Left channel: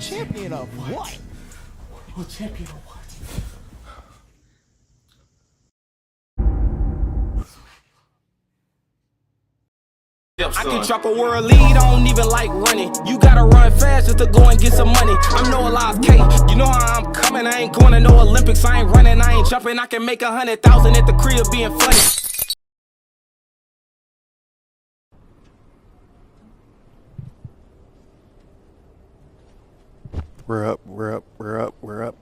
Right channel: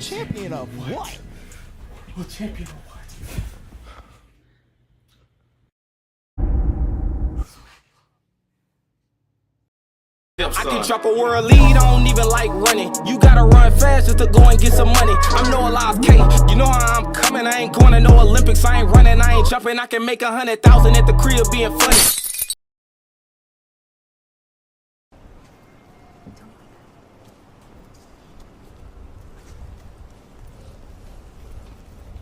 Champion of what? Oh, champion of what? I can drop a world lead, I don't even like running. You gotta run fast just to go and get some money. I'm no Elias K, you know how I'm coming. I ain't going to no Olympics, I ain't running, I ain't jumping. I can make 100,000 at the crib being funny. We're up, we're up, we're up, we're up.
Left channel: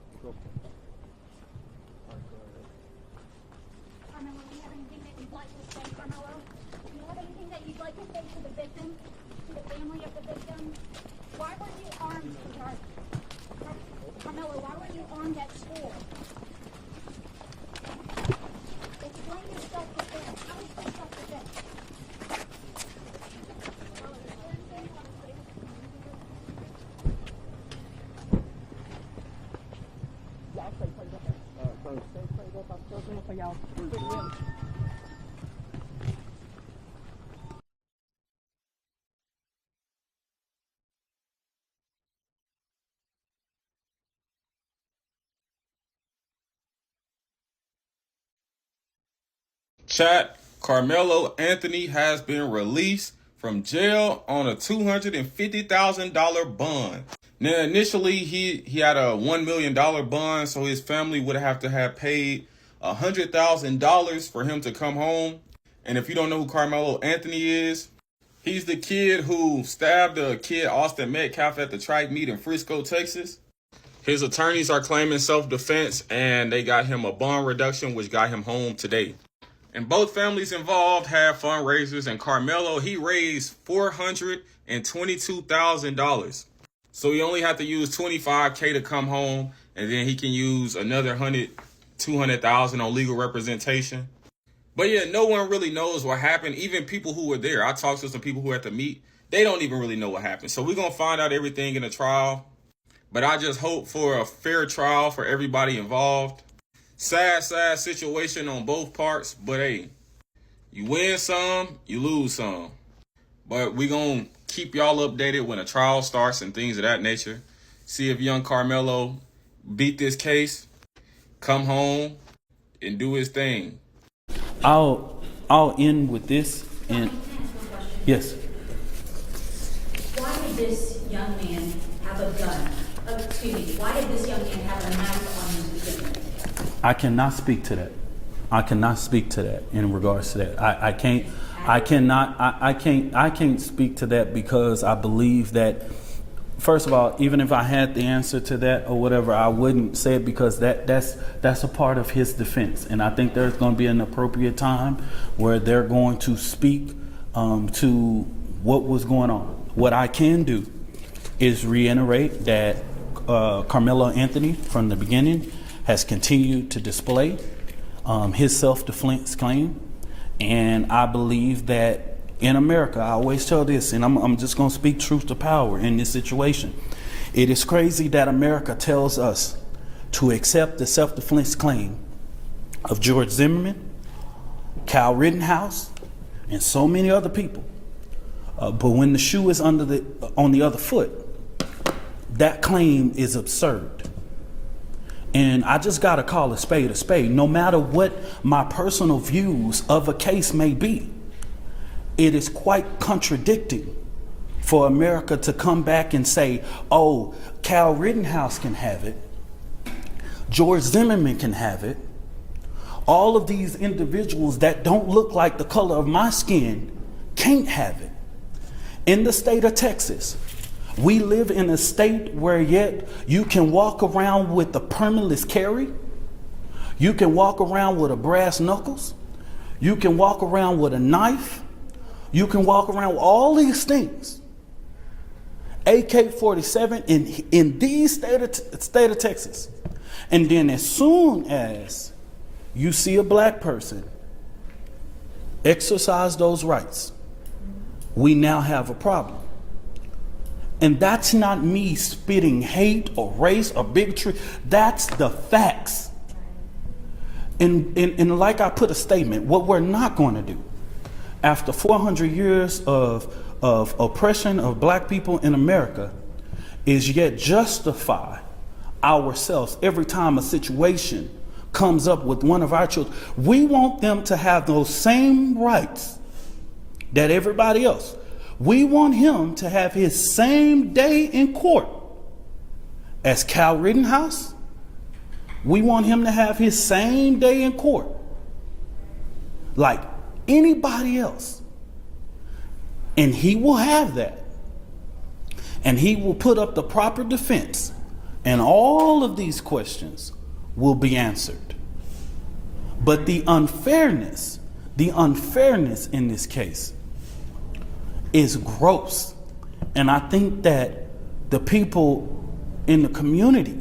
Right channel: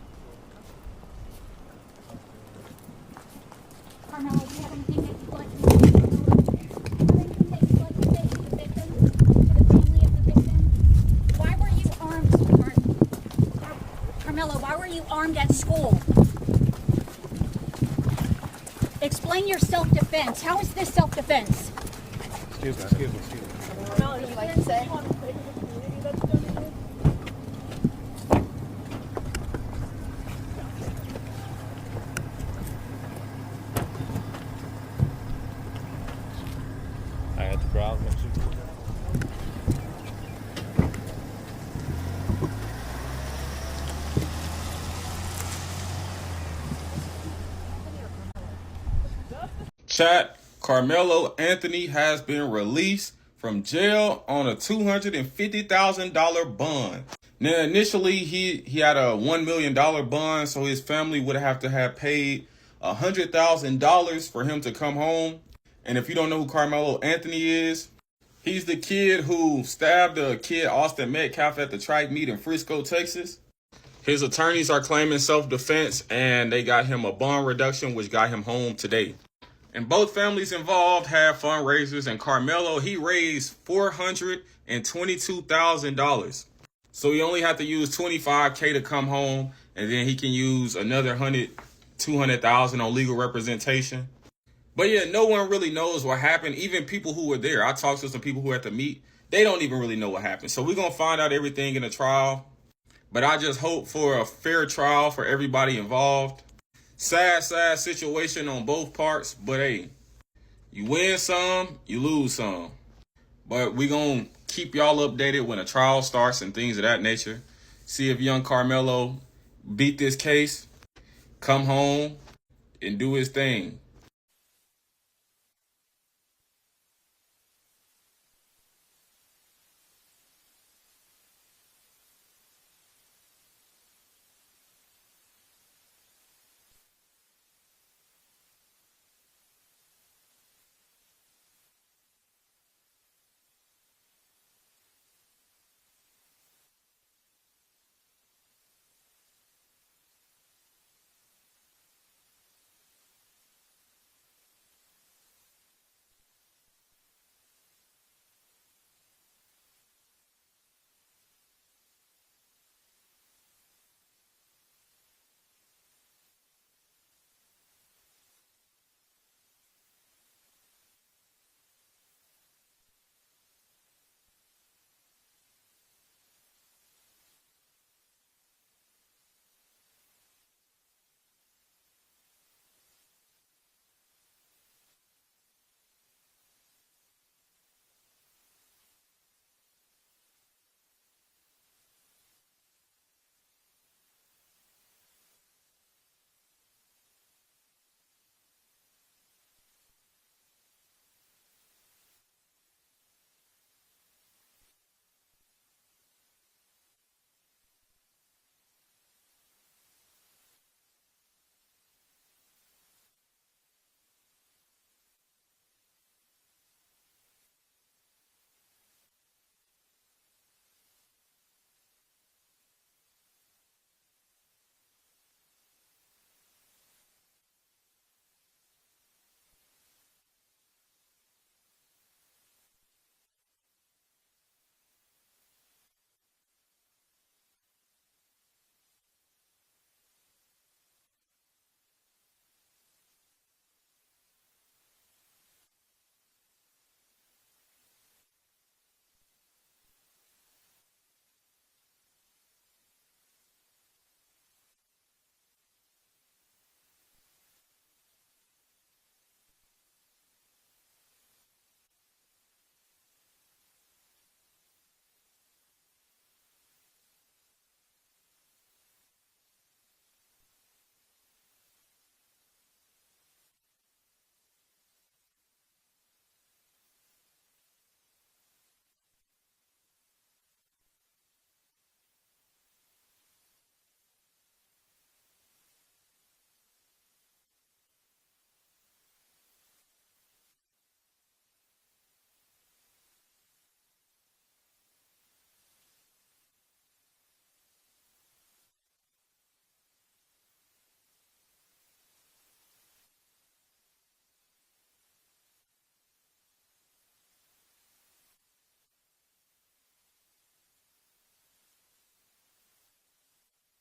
Karmelo, do you have anything that you'd like to say? Anything that you'd like to say to the victim, to the family of the victim? Why were you armed, sweetheart? Karmelo, why were you armed at school? Explain your self-defense. How is this self-defense? Excuse me. Karmelo, you'd like to say? I had the crowd next to you. Chat, Karmelo Anthony has been released from jail on a $250,000 bond. Now, initially, he had a $1 million bond, so his family would have to have paid $100,000 for him to come home. And if you don't know who Karmelo Anthony is, he's the kid who stabbed a kid, Austin Metcalf, at the track meet in Frisco, Texas. His attorneys are claiming self-defense, and they got him a bond reduction, which got him home today. And both families involved had fundraisers, and Karmelo, he raised $422,000. So he only had to use $25K to come home, and then he can use another $200,000 on legal representation. But yeah, no one really knows what happened. Even people who were there, I talked to some people who were at the meet, they don't even really know what happened. So we're going to find out everything in the trial. But I just hope for a fair trial for everybody involved. Sad situation on both parts. But hey, you win some, you lose some. But we're going to keep y'all updated when a trial starts and things of that nature. See if young Karmelo beat this case, come home, and do his thing. I'll end with this, and yes. Why did this young man have a gun? Excuse me. Why did this young man have a knife on him to begin with? I cannot speak to that. I cannot speak to that in regards to that. I can't speak to that because I believe that, first of all, even if I had the answer to that or whatever, I wouldn't say it because that's a part of his defense. And I think there's going to be an appropriate time where they're going to speak to what was going on. What I can do is reiterate that Karmelo Anthony, from the beginning, has continued to display his self-defense claim. And I believe that in America, I always tell this, and I'm just going to speak truth to power in this situation. It is crazy that America tells us to accept the self-defense claim of George Zimmerman, Kyle Rittenhouse, and so many other people. But when the shoe is on the other foot, that claim is absurd. And I just got to call a spade, no matter what my personal views of a case may be. It is quite contradicting for America to come back and say, oh, Kyle Rittenhouse can have it, George Zimmerman can have it, all of these individuals that don't look like the color of my skin can't have it. In the state of Texas, we live in a state where yet you can walk around with a permitless carry, you can walk around with a brass knuckles, you can walk around with a knife, you can walk around with all these things. AK-47 in the state of Texas. And then as soon as you see a black person exercise those rights, we now have a problem. And that's not me spitting hate or race or bigotry. That's the facts. And like I put a statement, what we're not going to do after 400 years of oppression of black people in America is yet justify ourselves every time a situation comes up with one of our children. We want them to have those same rights that everybody else. We want him to have his same day in court as Cal Rittenhouse. We want him to have his same day in court like anybody else. And he will have that. And he will put up the proper defense. And all of these questions will be answered. But the unfairness in this case is gross. And I think that the people in the community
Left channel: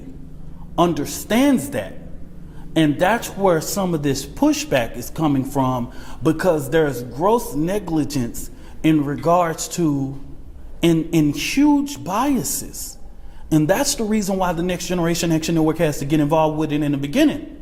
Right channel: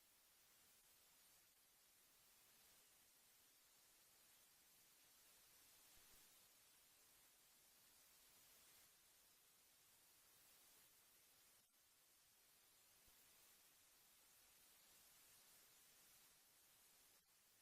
understands that. And that's where some of this pushback is coming from, because there's gross negligence in regards to in huge biases. And that's the reason why the Next Generation Action Network has to get involved with it in the beginning.